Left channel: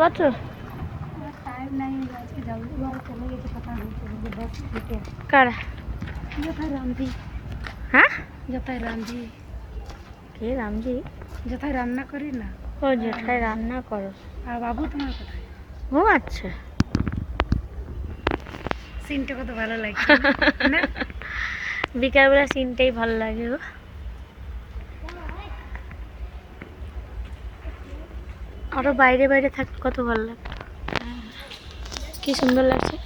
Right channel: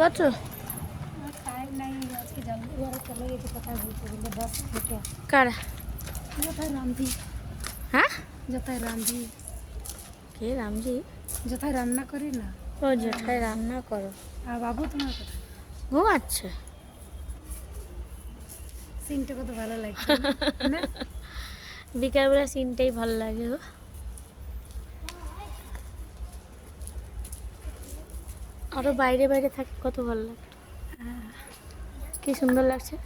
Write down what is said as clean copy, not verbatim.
যাচ্ছো? টাইম নাই, আজকে জলদি ঘরে চলে গেছে, কথা বলতে বলতে 10 মিনিটে। কারা? যথায় রামজি। হ্যাঁ, যথায় রামজি। কে রামজি? যথায় রান্না করি না। ও জেঠাই রান্না করো। আর বাবু তোমার কোথায়? ঘুমাচ্ছে। সিনটা কত ভালো লাগে না? বিকালবেলা সিনটাই ভালো লাগে গো। আরো বাইরে বাইরে থাকতে কত ভালো লাগে, কি সুন্দর লাগছে।